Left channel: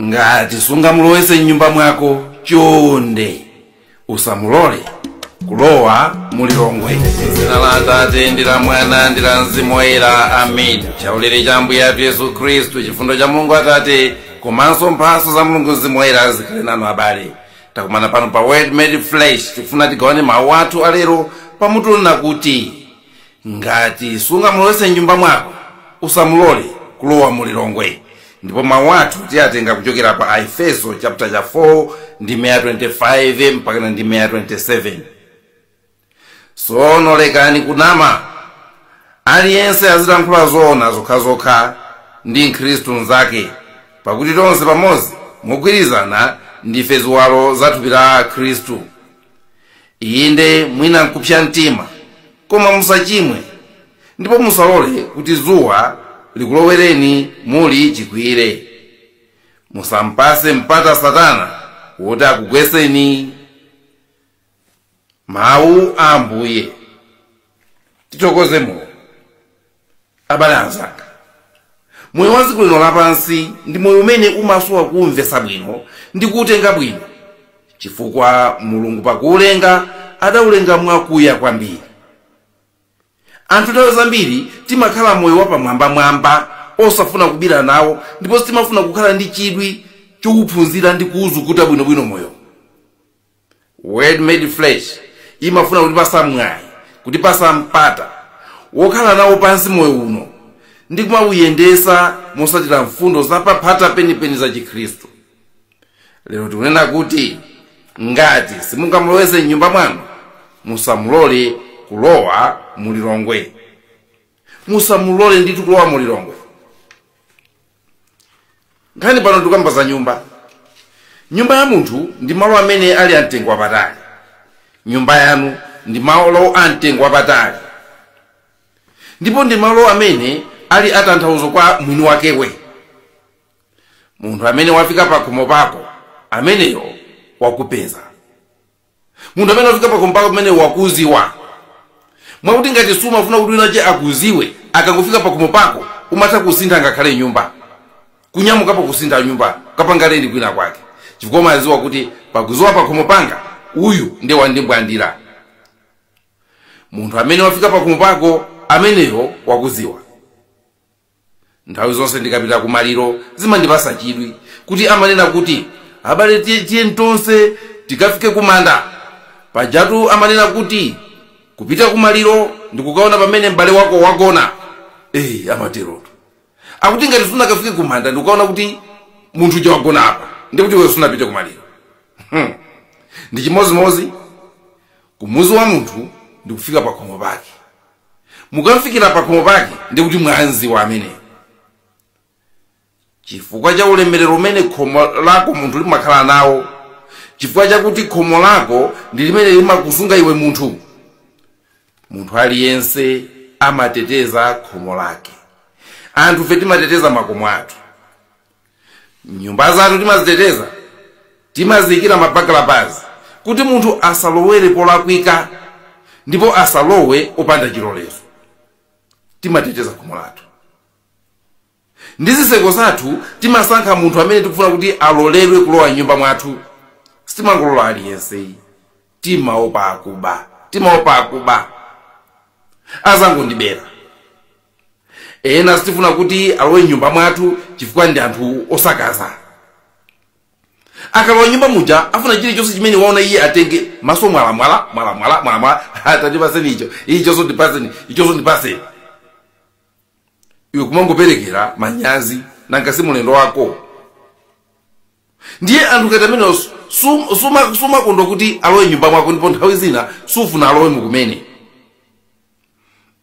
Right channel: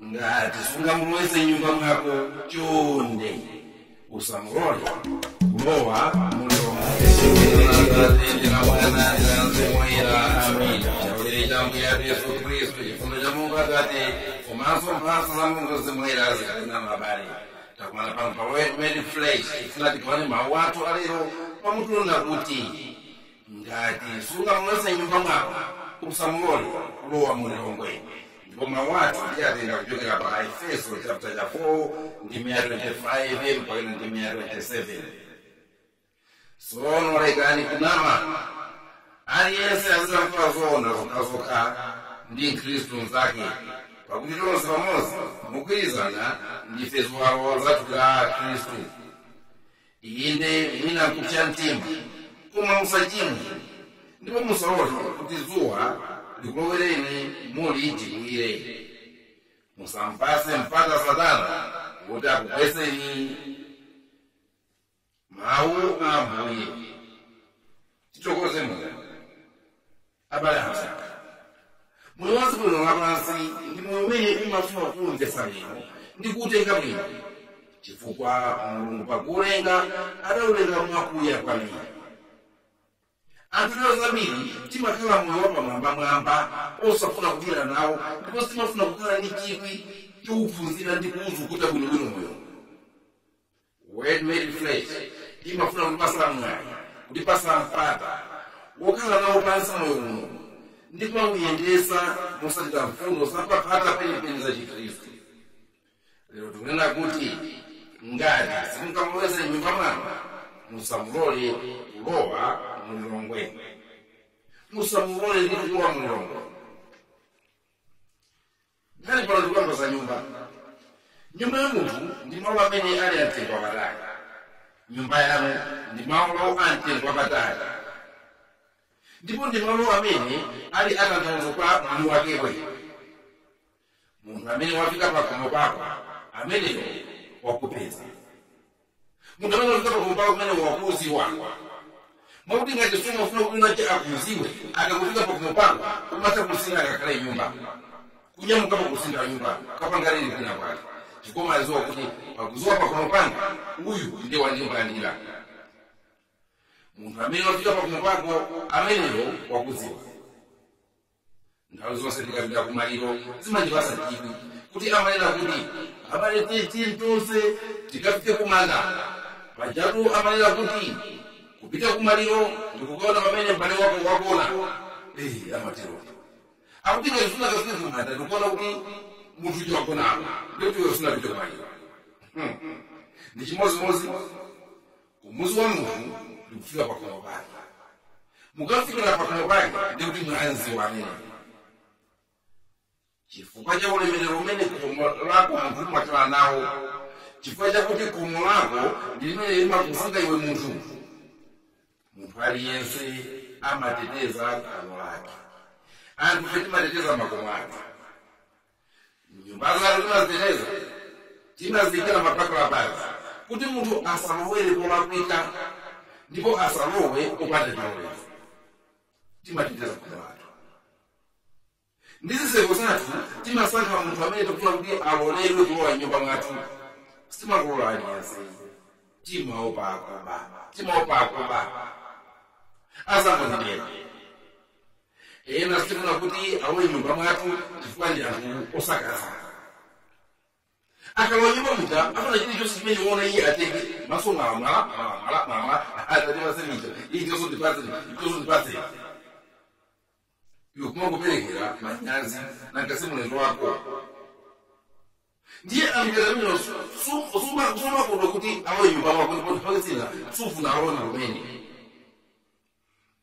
Ngati sungamulowetse mnyumba mwako choonde, usamulore, kulowa mu Lilongwe. Dzina la Atate ndi la Mwana ndi la Mzimu Woyera. Amen. Chaulere cha Ambuye athu Yesu Khristu, chifundo cha Mulungu Atate, komanso mphatso za Mulungu Mzimu Woyera zikhale nanu abale. Takumana pano pa Word Made Flesh, tikufuna tigawane mawu athu alero pamutu nakuti ngati sungamulowetse mnyumba mwako, usamulore, kulowa mu Lilongwe. Ndipo mawu athu tiyatenga kuchokera pa Efeso chapter 4 ndi 25 mpaka ndi 27. Sono lekani kunama, aliyense azilankhula zoona zokhazokha ndi Khristu mnzake, pakuti tonse pamodzi mogwirizana ndife ziwalo za thupi la Khristu. Inde mwina nkupsa mtima, koma musachimwe, ndipo musalole kuti zuwa likulowereni muli chikwire. Musampase mpata Satana woti akugweseni. Mawu a Ambuye. Titokoze Mulungu. Abale anzanga, moyo wa dziko lino lapansi ndi moyo umene umasowa kumvetsa bwino ndi kuutenga bwino, chifukwa Mulungu pakuulenga adaulenga mwakuya kwambiri. Anthu nthawi zambiri timakhala moyo wapamwambamwamba osafuna kubira nawo, ndipo timafuna kukhala ndi chidwi chophunzira ndi kuuzukuta bwinobwino moyo. Word Made Flesh imafuna kutipasa mwayi, kutipasa mpata wokhala nawo pansi moyo uno ndi kumauyendesa mosatira mfundo zapaphata penipeni za Chikhristu. Lero tikunena kuti ngati simungamulowetse mnyumba mwanu, musamulore kulowa mu Lilongwe. Musamulore nditu kulowa mu Lilongwe. Nkhani pano tikamba za nyumba. Nyumba ya munthu ndi malo amene ali amtengo wapatali. Nyumba yanu ndi malo amtengo wapatali, ndipo ndi malo amene ali atanthauzo kwa mwini wakewe. Munthu amene wafika pa khomo pako, ameneyo wakupeza. Munthu amene wafika pa khomo pako, ameneyo wakuziwa. Mwakuti ngati sumafuna kuti winache akuziwe, akangofika pa khomo pako umatha kusintha ngakhale nyumba, kunyamukapo kusintha nyumba kapangale ndi kwina kwake, chifukwa umaziwa kuti pakuziwa pa khomo panga uyu ndiye wandimbwandira. Munthu amene wafika pa khomo pako, ameneyo wakuziwa. Nthawi zonse ndikapita kumaliro zimandipasa chidwi kuti amanena kuti abale tiye tonse tikafike kumanda. Pajatu amanena kuti kupita kumaliro ndikukaona pamene m'bale wako wagona. Amateroto akuti ngati sunakafike kumanda ndikukaona kuti munthu uja wagona apa, ndikuti wewe sunapite kumaliro. Ndi chimozimozi kumuzi wa munthu ndikufika pa khomo pake. Mukafikira pa khomo pake ndikuti mwanzi wa amene, chifukwa cha ulemerero umene khomo lako munthu limakhala nawo, chifukwa chakuti khomo lako ndi limene limakusunga iwe munthu. Munthu aliyense amateteza khomo lake. Anthu fe timateteza makomo athu. Nyumba zathu timaziteteza, timazikira mabakalabazi kuti munthu asalowere polakwika ndipo asalowe opanda chilolezo. Timateteza khomo lathu. Ndi zitseko zathu timasankha munthu amene tikufuna kuti aloledwe kulowa nyumba mwathu. Sitimangolola aliyense. Timaopa akuba. Azangondibera. Ena sitifuna kuti alowe nyumba mwathu chifukwa ndi anthu osakaza. Akalowa nyumba muja afuna chilichonse chimene waona iye atenge, maso mwala atandipaseni icho ndipaseni. Iwe kumangoperekera manyazi nanga si mulendo wako. Ndiye anthu katamene sumakondwa kuti alowe nyumba mwako, ndipo nthawi zina sufuna alowe mukumene.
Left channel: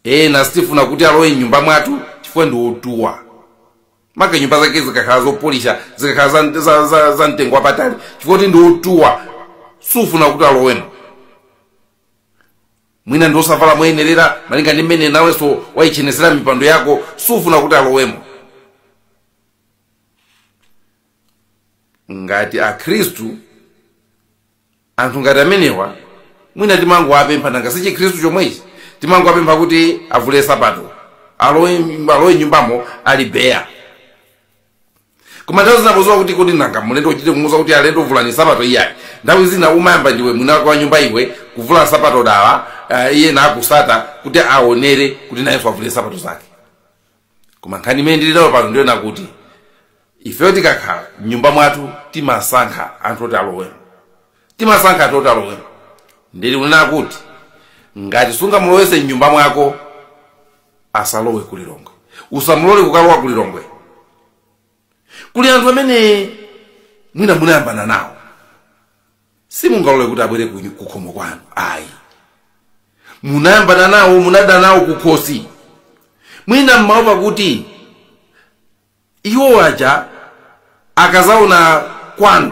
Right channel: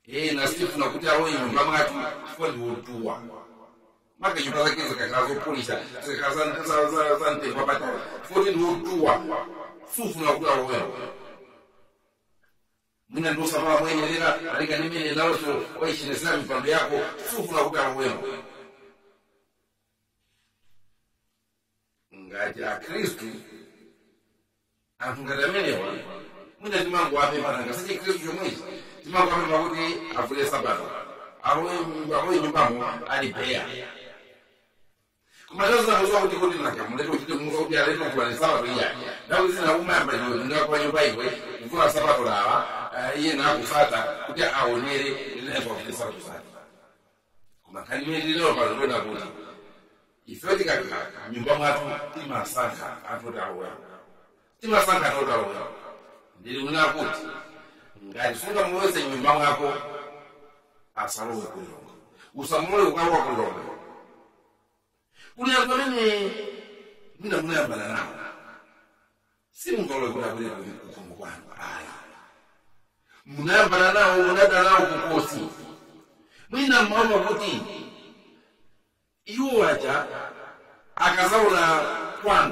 Ena sitifuna kuti alowe nyumba mwathu chifukwa ndi otuwa. Maka nyumba zake zikakhala zopolisha, zikakhala za mtengo wapatali, chifukwa kuti ndi otuwa, sufuna kuti alowemo. Mwina ndi osavala moyenerera malinga ndi mmene nawenso wayichenesera mipando yako, sufuna kuti alowemo. Ngati Akhristu, anthu ngati amenewa, mwina timangowapempha nanga si Chikhristu chomwechi, timangowapempha kuti avule sapato, alowe nyumbamo ali beya. koma nthawi zinapozowa kuti kodi nanga mulendo uchite kumuza kuti alendo vulani sapato iyayi nthawi zina umayamba ndiwe mwina wake wa nyumba iwe kuvula sapato dawa iye nakusata kuti aonere kuti nayenso avule sapato zake. Koma nkhani imene ndilinayo pano ndiona kuti ifeyo tikakhala mnyumba mwathu timasankha anthu oti alowemo, timasankha anthu oti alowemo. Ndili kunena kuti ngati sungamulowetse mnyumba mwako asalowe ku Lilongwe, usamulore kukalowa ku Lilongwe. Kuli anthu amene mwina munayambana nawo simungalole kuti abwere ku khomo kwanu ayi, munayambana nawo munada nawo kukhosi mwina mmaopa kuti iwo aja akazaona kwanu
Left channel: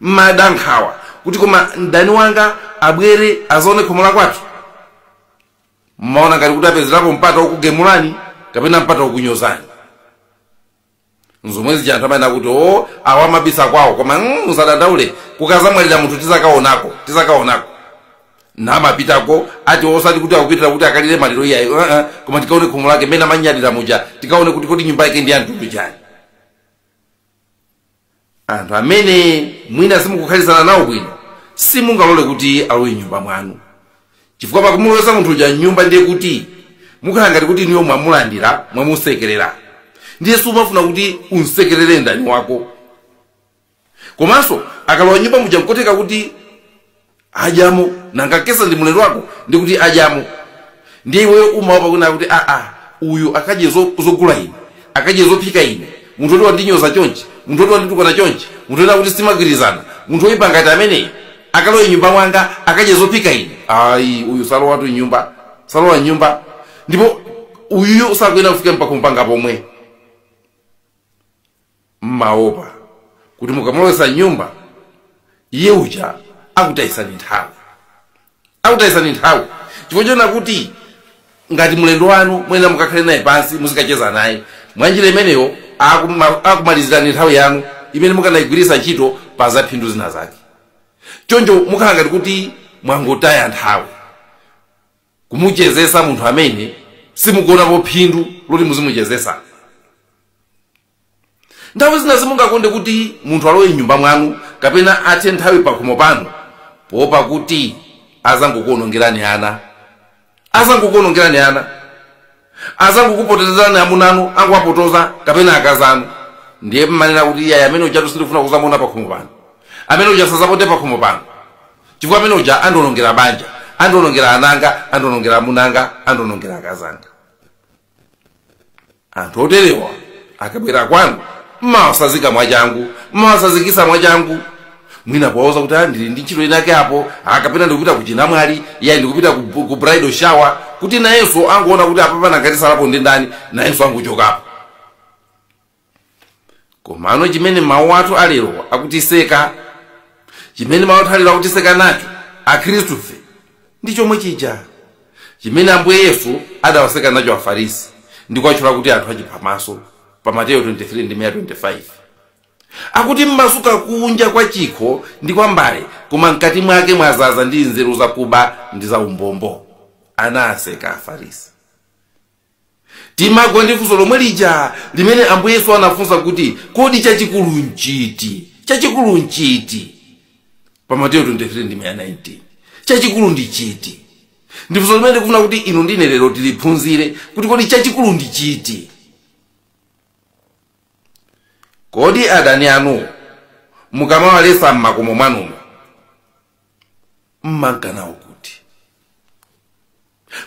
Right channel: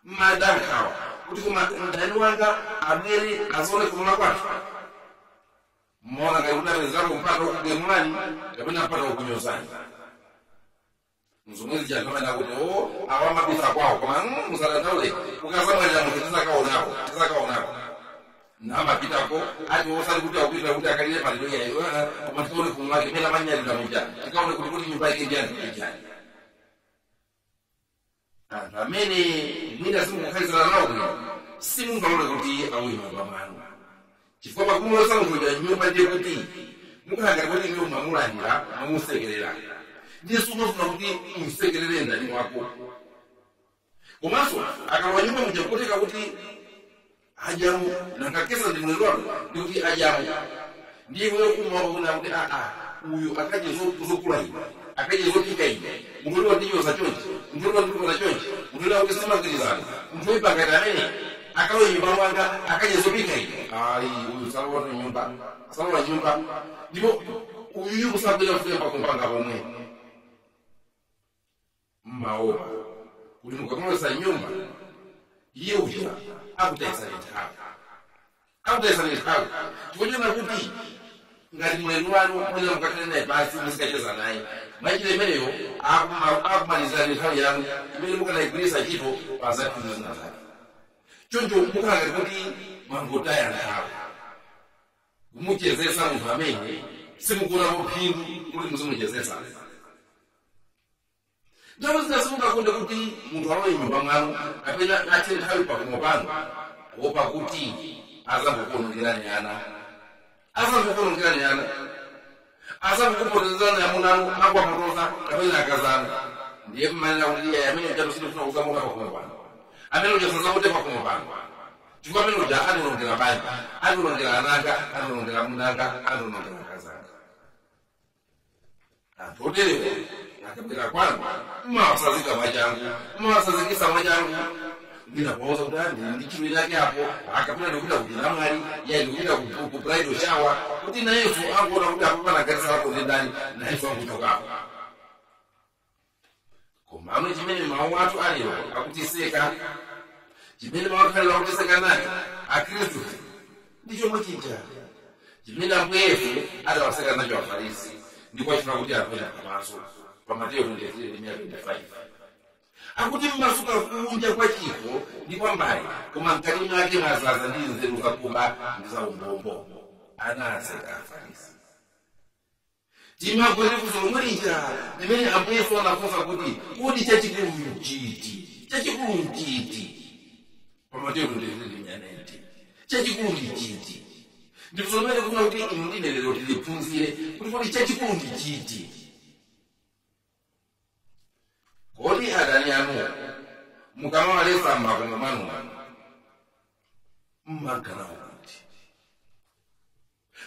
madankhawa kuti koma mdani wanga abwere azaone khomo la kwathu. Mmaona ngati kuti apezerapo mpata wokugemulani kapena mpata wokunyozani. Nzomwezi janthu amene akuti awa mabisa kwawo koma musadandaule kukazamwalira munthu tizakaonako namapitako ati osati kuti akupitira kuti akalire maliro iyayi koma tikaone khomo lake mena manyadira muja tikaone kuti kodi nyumba yake ndi anthu chani. Anthu amene mwina simukukhalisana nawo bwino simungalole kuti alowe nyumba mwanu, chifukwa pakumulowetsa munthu uja nyumba ndiye kuti mukhala ngati kuti niyo mwamulandira mwamusekerera, ndiye sumafuna kuti unsekerere ndani wako. Komanso akalowa nyumba muja mkoteka kuti ajamo nanga kesa ndi mulendo wako ndi kuti ajamo, ndiye iweyo umaopa kuna kuti uyu akaje zogula ine akaje zophika ine munthu oti wandinyoza chonchi munthu oti wanditukwana chonchi munthu oti kuti simagwirizana munthu oyipa ngati amene akalowa nyumba mwanga akaje zophika ine ayi uyu salowa tu nyumba salowa nyumba. Ndipo uyu sakwena kufika mpaka mpanga pomwe mmaopa kuti mukamulowetsa nyumba iye uja akutayisani nthawi chifukwa chona kuti ngati mulendo wanu mwena mukakhale naye pansi muzikacheza naye mwanjira imeneyo akumalizirani nthawi yanu imene mukanayigwiritsa ntchito pa zaphindu zina zake. Choncho mukhala ngati kuti mwangotaya nthawi kumuchezesa munthu amene simukuonapo phindu loti muzimuchezesa. Nthawi zina simungakonde kuti munthu alowe nyumba mwanu kapena athe nthawi pa khomo panu poopa kuti azangokuonongerani ana, azangokupotezerani amunanu angowapotoza kapena akazanu. Ndiye mmanena kuti iyayi amene uja tusifuna kuzamuona pa khomo panu, amene uja sazapote pa khomo panu, chifukwa amene uja andionongera banja, andionongera ananga, andionongera amunanga, andionongera akazanga. Anthu oterewa akabwera kwanu mmawasazika mwachangu, mmawasazikisa mwachangu, mwina kuwauza kuti ndili ndi ntchito inake apo akapena ndikupita kuchinamwali iyayi ndikupita ku bridal shower kuti nayenso angoona kuti apapana ngati salapo ndi ndani nayenso angochokapo. Komano chimene mawu athu alero akutiseka, chimene mawu athu alero akutiseka nacho akhristufe ndi chomwe chija chimene Ambuye Yesu adawaseka nacho Afarisi ndikwatchula kuti anthu achiphamaso pa Mateyo 23:25. Akuti mmasuka kunja kwa chikho ndi kwa mbale koma mkati mwake mwazaza ndi nzeru zakuba ndi za umbombo. Anaseka Afarisi. Timagwa ndi funso lomwe lija limene Ambuye Yesu anafunsa kuti kodi chachikulu nchiti pa Mateyo 23:19. Chachikulu ndi chiti? Ndi funso limene ndikufuna kuti inu ndine lero tiliphunzire kuti kodi chachikulu ndi chiti. Kodi adani anu mukamawalesa mmakomo mwanumo mmankanawo kuti?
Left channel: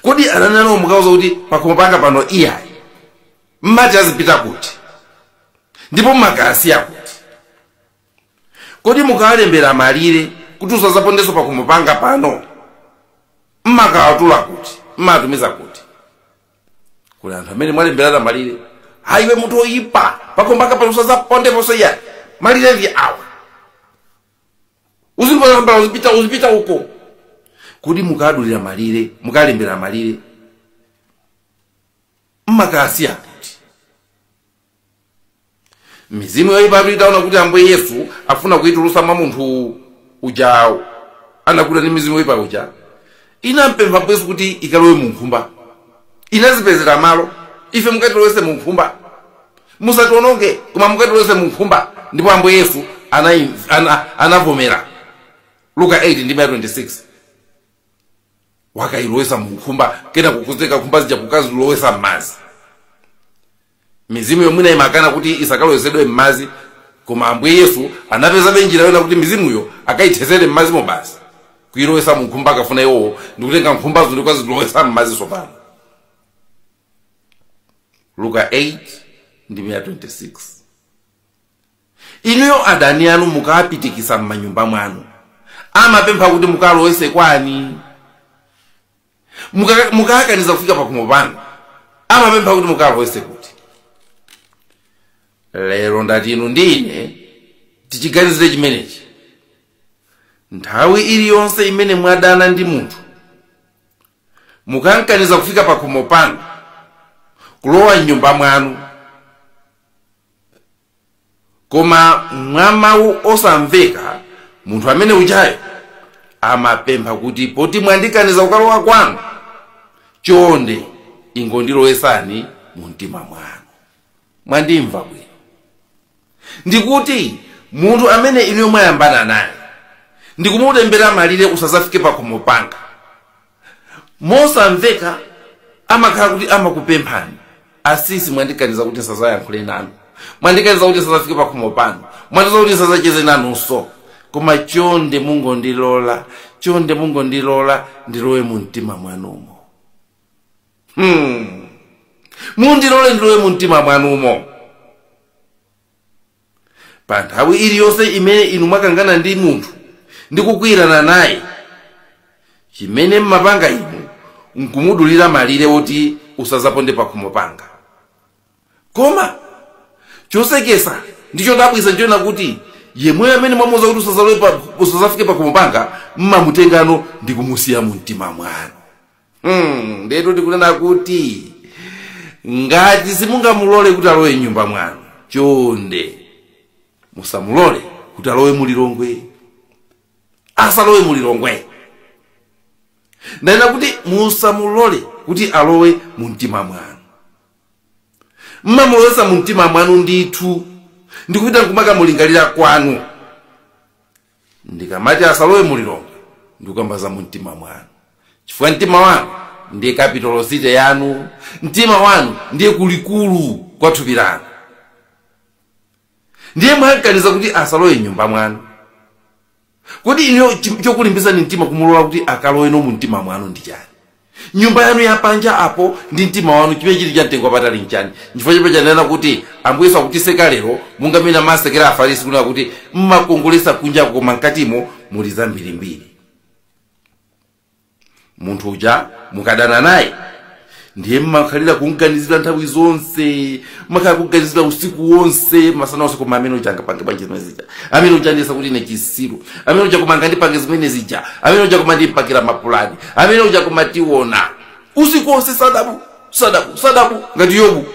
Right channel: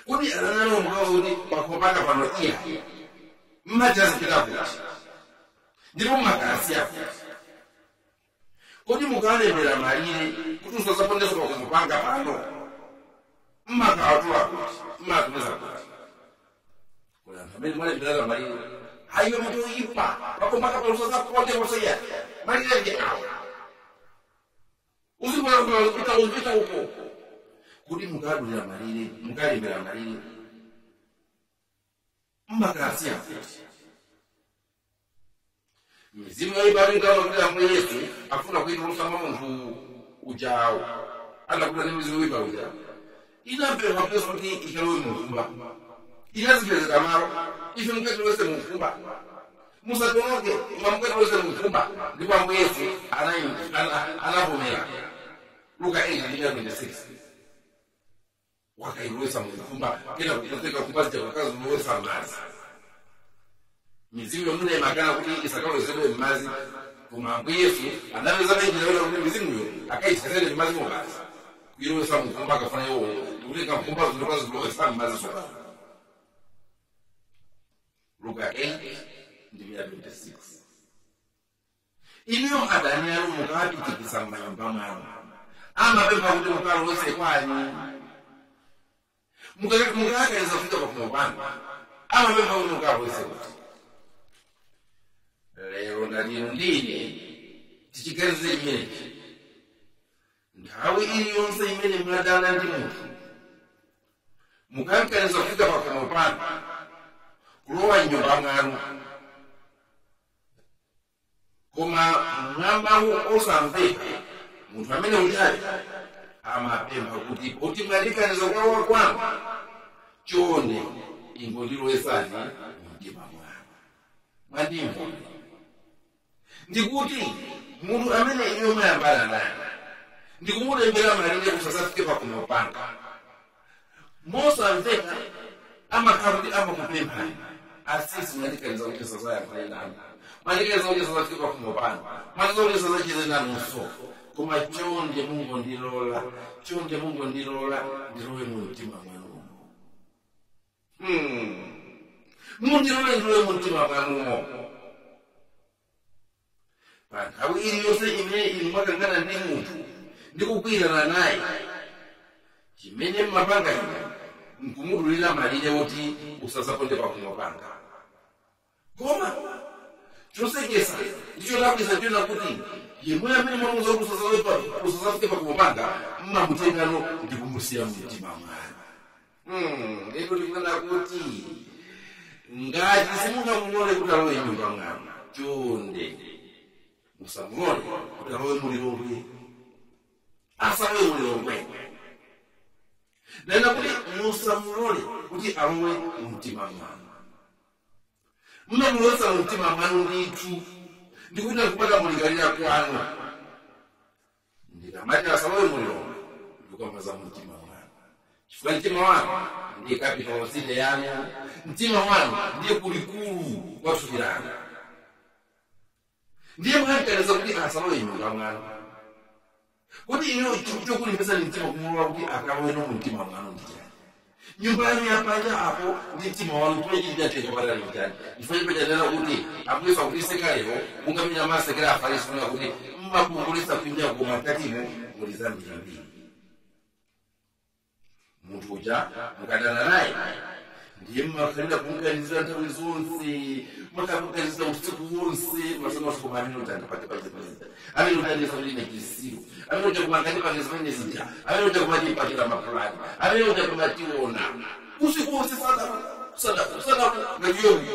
Kodi adani anu mukawuza kuti pakhomo panga pano iyayi mmati azipita kuti ndipo mmakasiya kuti? Kodi mukawalembera malire kuti usazapondenso pakhomo panga pano mmakawatula kuti mmatumiza kuti? Kuli anthu amene mwalemberana malire haiwe munthu oyipa pakhomo panga pano usazapondeponso iyayi malire ndi awa uzipita uko. Kodi mukadulira malire mukalembera malire mmakasiya kuti? Mizimu yoyipa itaona kuti Ambuye Yesu afuna kuitulusa mwa munthu uja anakuda ndi mizimu yoyipa uja inampempha Ambuye Yesu kuti ikalowe mu nkhumba, inazipezera malo ife mukatilowese mu nkhumba. musatononge koma mukatolowetse munkhumba ndipo Ambuye Yesu anavomera. Luka 8:26 wakayilowesa munkhumba kena kukuzeka nkhumba zija kukazilowesa m'madzi. Mizimu yomwe imakana kuti isakalowesedwe m'madzi, koma Ambuye Yesu anapezabe njira yona kuti mizimuyo akayithezere m'madzi mo basi. Kuyilowesa munkhumba akafuna iwowo ndikutenga nkhumbazo ndikukazilowesa m'madzi sopano. Luka 8:26 Inuyo adani anu mukapitikisa m'manyumba mwanu, amapempha kuti mukalowese kwani. Mukakaniza kufika pakhomo panu, amapempha kuti mukalowese kuti. Lero ndati inu ndine tichiganizire chimenechi. Nthawi iliyonse imene mwadana ndi munthu, mukankaniza kufika pakhomo panu, kulowa m'nyumba mwanu, koma mwa mawu osamveka, munthu amene ujayo amapempha kuti poti mwandikaniza kukalowa kwanu, choonde ingondilowesani mu mtima mwanu. Mwandimva bwino? Ndikuti munthu amene inuyo mwayambana naye ndikumutembera malire usazafike pakhomo panga, mosamveka amakhala kuti amakupemphani, asisi mwandikaniza kuti sazayankhule nanu, mwandikaniza kuti sazafike pakhomo panu, mwandikaniza kuti sazacheze nanunso, koma chonde mungondilola, chonde mungondilola ndilowe mu mtima mwanumo. Mundilole ndilowe mu mtima mwanumo. Pa nthawi iliyonse imene inu mwakangana ndi munthu ndikukwirana naye, chimene mmapanga inu nkumudulira malire woti usazaponde pakhomo panga. Koma chosekesa ndicho dabwisa nchona kuti yemwe amene mwamuza kuti usazafike pakhomo panga mmamutengano ndikumusiya mu mtima mwanu. Ndeto tikunena kuti ngati simungamulole kuti alowe m'nyumba mwanu, chonde musamulole kuti alowe mu Lilongwe. Asalowe mu Lilongwe. Ndayina kuti musamulole kuti alowe mu mtima mwanu. Mmamulowesa mu mtima mwanu ndithu, ndikupita nkumakamulingalira kwanu. Ndikamati asalowe mu Lilongwe, ndikukambaza mu mtima mwanu. Chifukwa mtima wanu ndiye capital city yanu, mtima wanu ndiye kulikulu kwa thupi lanu. Ndiye mwankaniza kuti asalowe m'nyumba mwanu. Kodi ino chokulimbisa ni mtima kumulola kuti akalowe no mu mtima mwanu ndi chani? Nyumba yanu yapanja apo ndi mtima wanu chimene chili chamtengo patali nchani? Chifukwa chimene chanena kuti Ambuye Yesu akutiseka lero mungamena masekera afarisi kunena kuti mmakongolesa kunja koma mkatimo muli zambirimbiri. Munthu uja mukadana naye ndiye mmakhalira kunganizira nthawi zonse, mmakhala kunganizira usiku wonse, masana wonse, koma amene uja angapange bwanji zimene zija, amene uja andiyesa kuti ine chisiru, amene uja koma angandipange zimene zija, amene uja koma ndipakira mapulani, amene uja koma tiona usiku wonse sadabu ngati Yobu.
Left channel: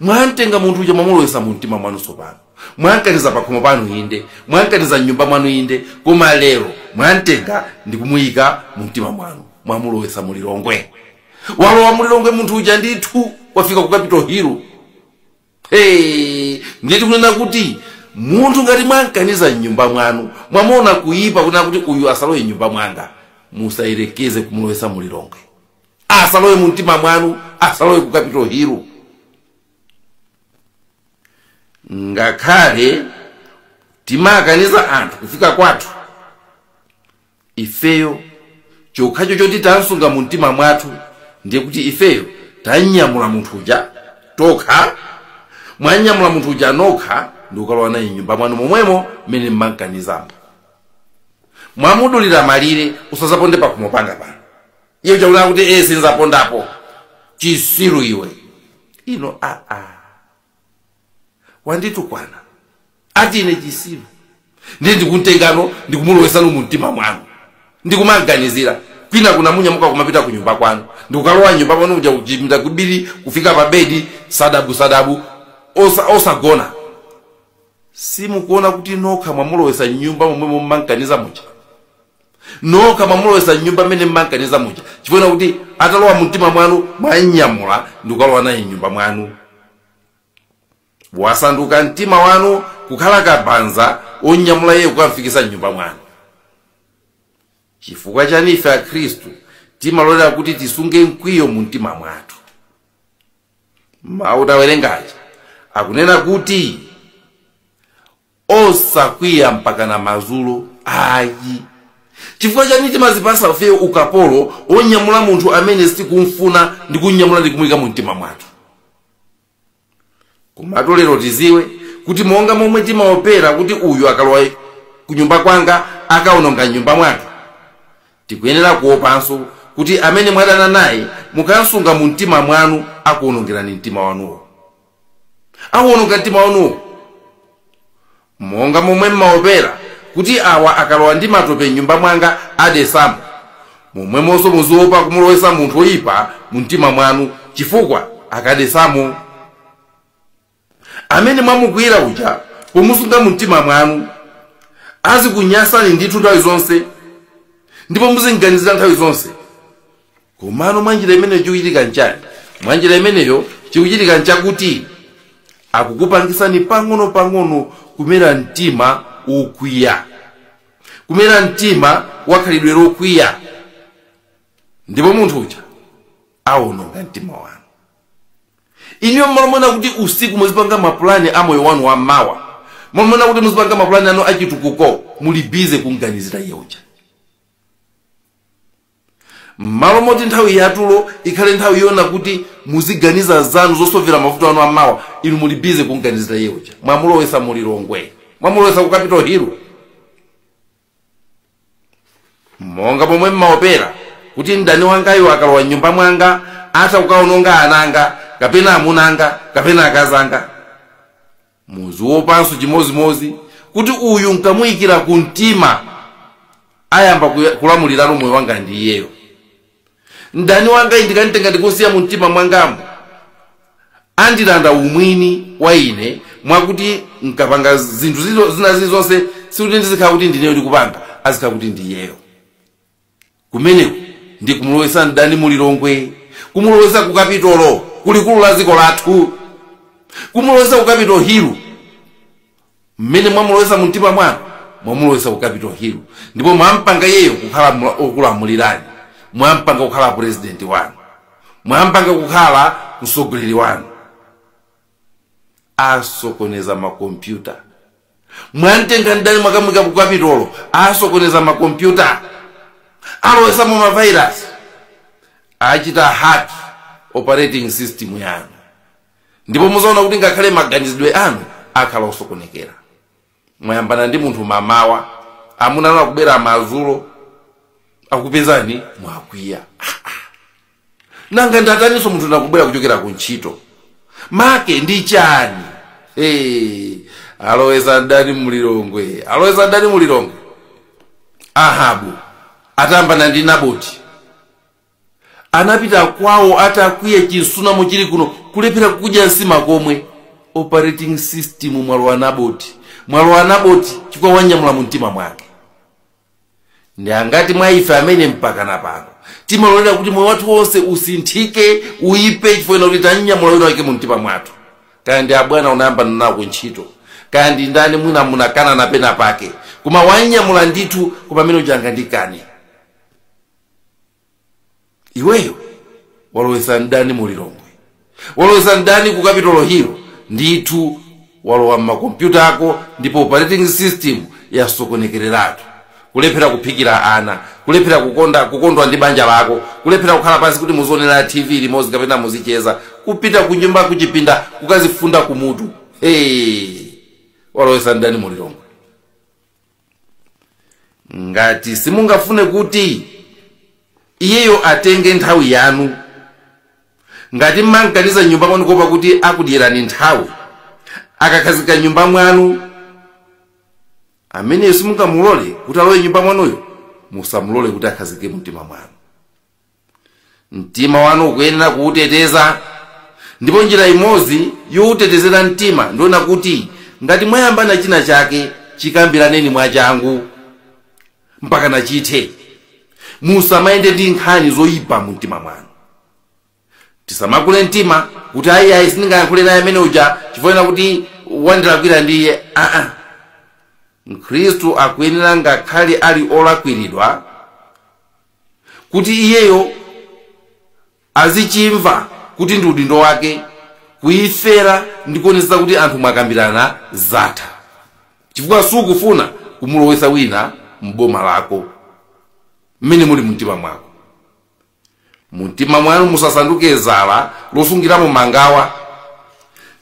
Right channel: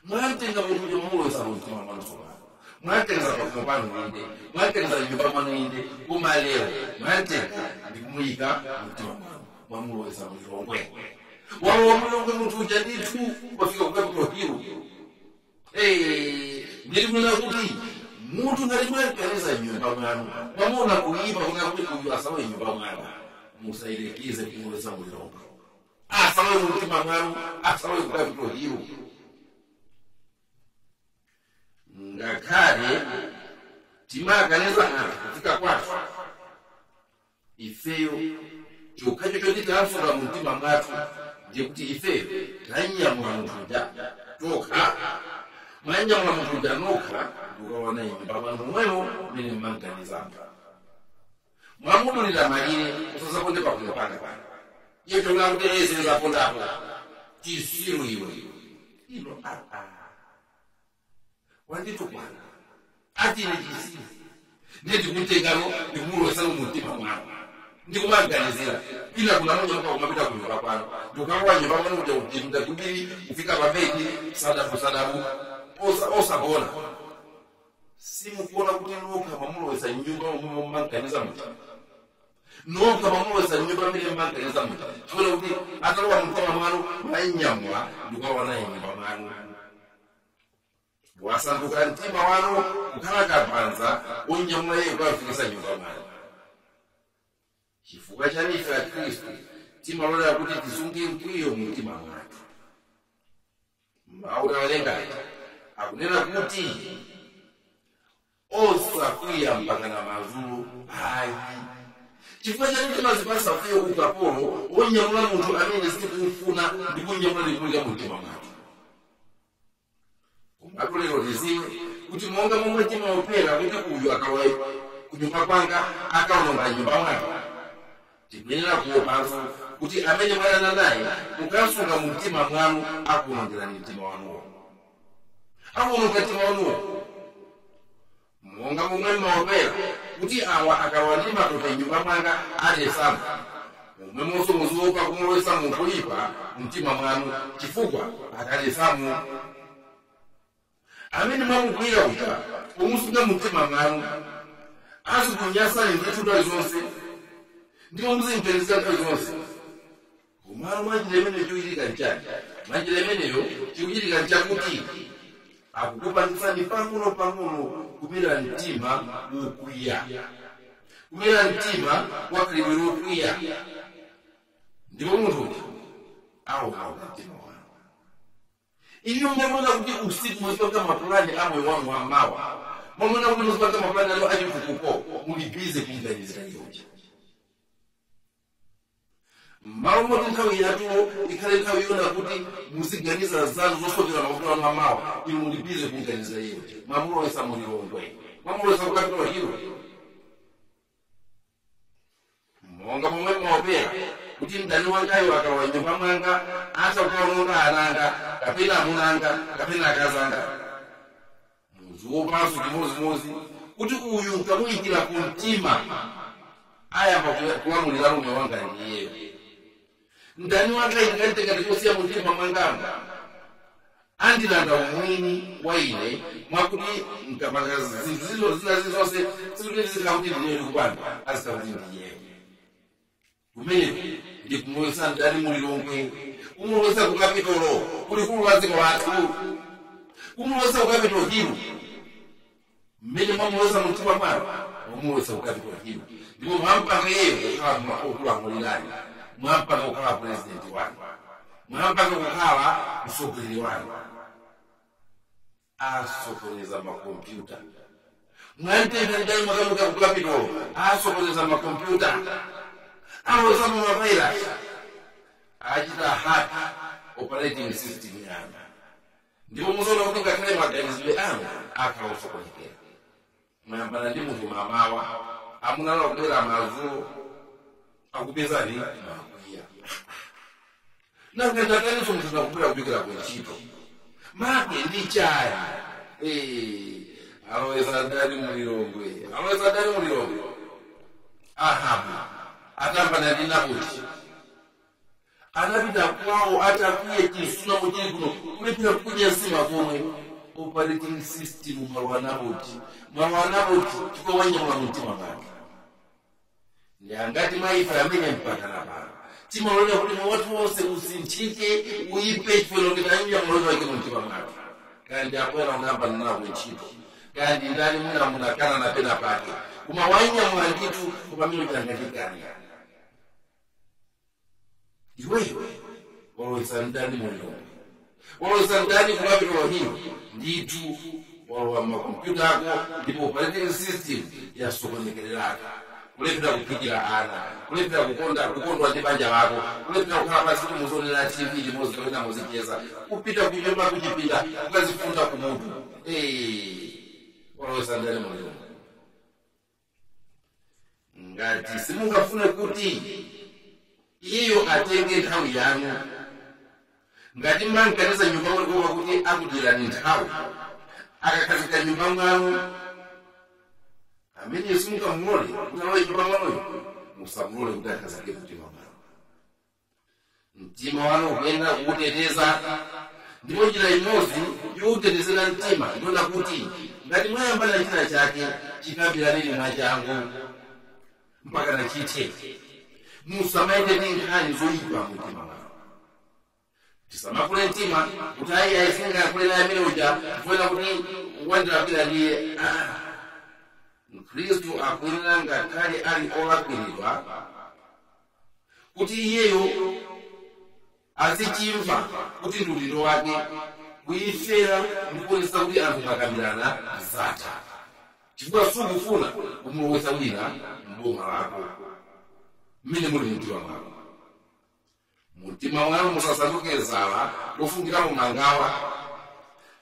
Mwantenga munthu uja mwamulowesa mu mtima mwanu sopano, mwankaniza pakhomo panu inde, mwankaniza m'nyumba mwanu inde, koma lero mwantenga ndikumuyika mu mtima mwanu, mwamulowesa mu Lilongwe. Walowa mu Lilongwe munthu uja ndithu wafika ku capital hill. Nditi kunena kuti munthu ngati mwankaniza m'nyumba mwanu, mwamona kuyipa kunena kuti uyu asalowe m'nyumba mwanga, musayerekeze kumulowesa mu Lilongwe. Asalowe mu mtima mwanu, asalowe ku capital hill. Ngakhale timakaniza anthu kufika kwathu, ifeyo chokhacho choti tansunga mu mtima mwathu ndiye kuti ifeyo tanyamula munthu uja tokha. Mwanyamula munthu uja nokha ndikukalowa naye m'nyumba mwanu momwemo mmene mmankanizambo. Mwamudulira malire usazaponde pakhomo panga pano. Iye uja kuti sinzapondapo. Chisiru iwe. Ino wanditukwana. Ati ine chisiru. Ndiye ndikuntengano ndikumulowesa mu mtima mwanu. Ndikumaganizira kwina kuna munyamuka kumapita ku nyumba kwanu, ndikukalowa nyumba pano uja kujimda kubiri kufika pa bedi sadabu osagona. Simukuona kuti nokha mwamulowesa nyumba momwe mmankaniza muja, nokha mwamulowesa nyumba mmene mmankaniza muja, chifukwa kuti atalowa mu mtima mwanu mwanyamula ndikukalowa naye nyumba mwanu wasanduka mtima wanu kukhala kabanza onyamula iye kukamfikisa nyumba mwanu. Chifukwa chani ife akhristu timalolera kuti tisunge mkwiyo mu mtima mwathu? Mawu tawerengachi akunena kuti osakwiya mpaka na mazulo ayi. Chifukwa chani timazipasa fe ukapolo onyamula munthu amene sikumfuna ndi kunyamula ndi kumuyika mu mtima mwathu? Komatu lero tiziwe kuti monga momwe timaopera kuti uyu akalowa ku nyumba kwanga akaononga nyumba mwathu, tikuyenera kuopanso kuti amene mwadana naye mukasunga mu mtima mwanu akuonongerani mtima wanuwo. Akuononga mtima wanuwo monga momwe mmaopera kuti awa akalowa ndi matope nyumba mwanga adesamo, momwemonso muziopa kumulowesa munthu oyipa mu mtima mwanu chifukwa akadesamo. Amene mwamukwira uja pomusunga mu mtima mwanu azikunyasani ndithu nthawi zonse ndipo muzinganizira nthawi zonse. Komano mwanjira imeneyo chikuchitika nchani? Mwanjira imeneyo chikuchitika nchakuti akukupangisani pang'ono kumera mtima ukwiya, kumera mtima wakhalidwe lokwiya, ndipo munthu uja aononga mtima wanu. Inyo mwamona kuti usiku muzipanga mapulani a moyo wanu wammawa, mwamona kuti muzipanga mapulani anu achitukuko, muli bize kunganizira iye uja. Malo moti nthawi yatulo ikhale nthawi yona kuti muziganiza zanu zosovera mavuto anu ammawa, inu muli bize kunganizira iye uja. Mwamulowesa mu Lilongwe, mwamulowesa ku Capitol Hill. Monga momwe mmaopera kuti mdani wangayo akalowa nyumba mwanga ata kukaononga ananga kapena amunanga kapena akazanga, muziopanso chimozimozi kuti uyu nkamuyikira ku mtima ayamba kulamulirano moyo wanga ndi iyeyo. Mdani wanga ndikanitenga ndikusiya mu mtima mwangamo andilanda umwini wa ine mwakuti nkapanga zinthu zina zonse sikuti ndizikhala kuti ndineyo ndikupanga, azikhala kuti ndiyeyo. Kumeneko ndi kumulowesa mdani mu Lilongwe, kumulowesa ku Kapitolo kulikulu la dziko lathu, kumulowesa ku Capitol Hill. Mmene mwamulowesa mu mtima mwanu mwamulowesa ku Capitol Hill, ndipo mwampanga yeyo kukhala okulamulirani, mwampanga kukhala president wanu, mwampanga kukhala mtsogoleri wanu. Asokoneza makompyuta, mwantenga ndani mwakamwika ku Capitolo asokoneza makompyuta, alowesa mu mavirus, achita hack operating system yanu, ndipo muzaona kuti ngakhale maganizidwe anu akhala osokonekera. Mwayambana ndi munthu mamawa amunana kubera mazulo akupezani mwakwiya. Nanga ndataniso munthu nakubwera kuchokera ku ntchito make ndi chani? Alowesa ndani mu Lilongwe, alowesa ndani mu Lilongwe. Ahabu atambana ndi Naboti, anapita kwawo atakwiye chinsunamo chili kuno kulephera kudya nsima komwe. Operating system mwalo wa Naboti, mwalo wa Naboti chifukwa wanyamula mu mtima mwake. Ndi angati mwa ife amene mpaka napano timalolera kuti moyo wathu wonse usinthike uyipe chifukwa kuti tanyamula wina wake mu mtima mwathu. Kandi abwana unayambana nawo ntchito, kandi ndani mwina munakana napena pake, koma wanyamula ndithu kupamene ujanga ndikane. Iweyo walowesa ndani mu Lilongwe, walowesa ndani ku Capitol Hill, ndithu walowa makompyuta ako, ndipo operating system yasokonekereratu. Kulephera kuphikira ana, kulephera kukondwa ndi banja lako, kulephera kukhala pansi kuti muzionera TV limodzi kapena muzicheza, kupita ku nyumba kuchipinda kukazifunda ku Mutu. Walowesa ndani mu Lilongwe. Ngati simungafune kuti iyeyo atenge nthawi yanu, ngati mmankaniza nyumba mwanu kuopa kuti akudyerani nthawi, akakhazika nyumba mwanu, ameneyo simungamulole kuti alowe nyumba mwanuyo, musamulole kuti akhazike mu mtima mwanu. Mtima wanu ukuyenera kuuteteza, ndipo njira imodzi youtetezera mtima ndiona kuti ngati mwayambana china chake chikambiraneni mwachangu mpaka nachithe. Musamayende ndi nkhani zoyipa mu mtima mwanu. tisamakule mtima kuti ayi sindingayankhule naye amene uja chifukwa kuti wandilakwira ndiye. Mkhristu akuyenera ngakhale ali olakwiridwa kuti iyeyo azichimva kuti ndi udindo wake kuyifera ndi kuonetsa kuti anthu mwakambirana zatha, chifukwa sukufuna kumulowetsa wina m'boma lako mmene muli mumtima mwako. Mumtima mwanu musasanduke zala losungiramo mangawa.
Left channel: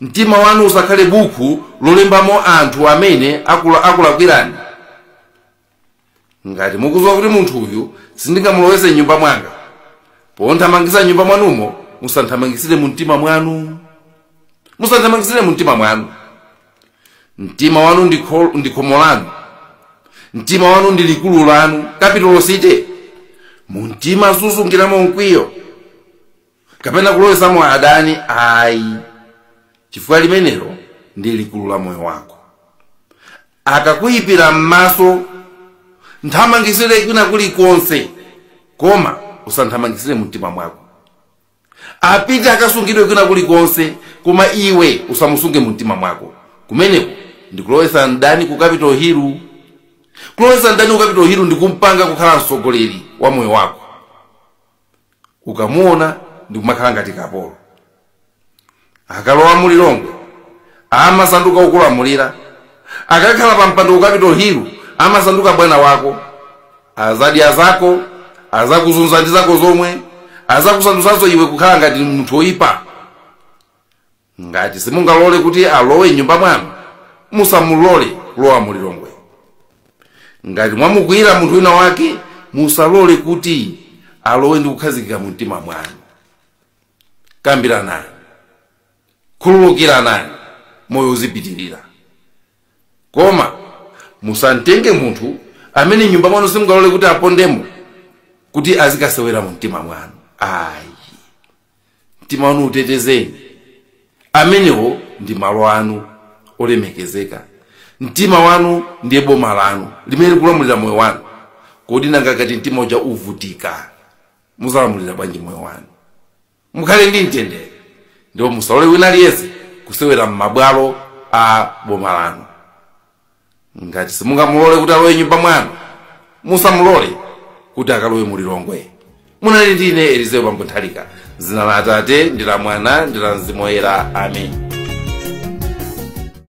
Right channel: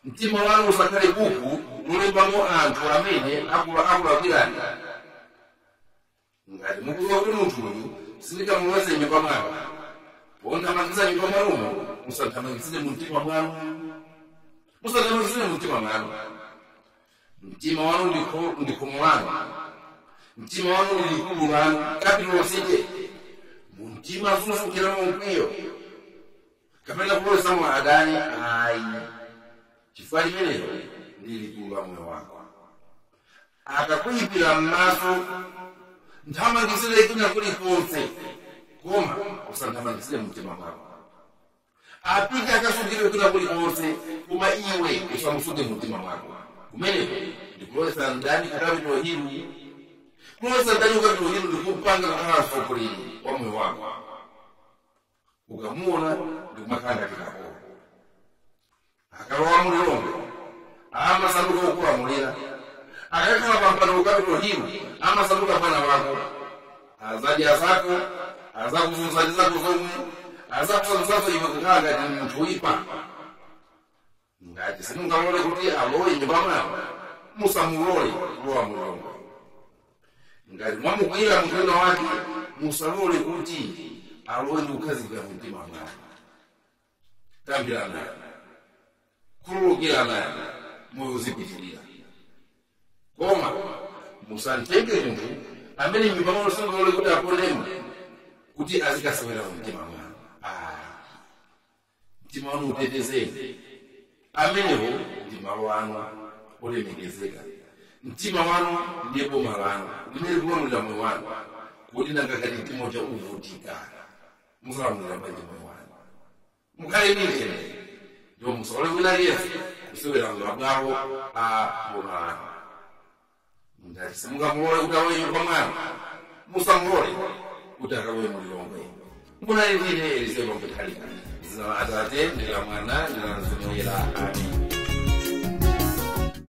Mtima wanu usakhale buku lolembamo anthu amene akulakwirani. Ngati mukudziwa kuti munthu uyu sindingamulowetse nyumba mwanga, ponthamangitsa nyumba mwanumo musanthamangisire mumtima mwanu. Musanthamangisire mumtima mwanu. Mtima wanu ndi khomo lanu. Mtima wanu ndi likulu lanu, capital city. Mumtima susungiramo mkwiyo kapena kulowetsamo adani ayi, chifukwa limenelo ndi likulu la moyo wako. Akakuyipira m'maso nthamangisire kwina kulikonse, koma usanthamangisire mumtima mwako. Apite akasungidwe kwina kulikonse, koma iwe usamusunge mumtima mwako. Kumeneko ndi kulowetsa ndani ku capital hill. Kulowetsa ndani ku capital hill ndi kumpanga kukhala mtsogoleri wa moyo wako. Ukamuona ndi kumakhala ngati kapolo. Akalowa mu Lilongwe amasanduka ukulamulira. Akakhala pa mpando ku capital hill amasanduka bwana wako. Azadya zako, azakuzunza ndi zako zomwe, azakusandutsanso iwe kukhala ngati munthu oyipa. Ngati simungalole kuti alowe nyumba mwanu, musamulole kulowa mu Lilongwe. Ngati mwamukwira munthu wina wake, musalole kuti alowe ndi kukhazikika mu mtima mwanu. Kambira naye, khululukira naye, moyo uzipitirira. Koma musantenge munthu amene nyumba mwanu simungalole kuti apondemo kuti azikasewera mu mtima mwanu. Ayi, mtima wanu utetezeni. Amenewo ndi malo anu olemekezeka. Mtima wanu ndiye boma lanu limene kulamulira moyo wanu. Kodi nanga ngati mtima uja uvutika, muzalamulira bwanji moyo wanu? Mukhale ndi mtendere, ndipo musalole wina aliyense kusewera m'mabwalo a boma lanu. Ngati simungamulole kuti alowe nyumba mwanu, musamulole kuti akalowe mu Lilongwe. Munali ndine Elizeo Nthalika, dzina la Atate ndi la Mwana ndi la Mzimu Woyera. Amen.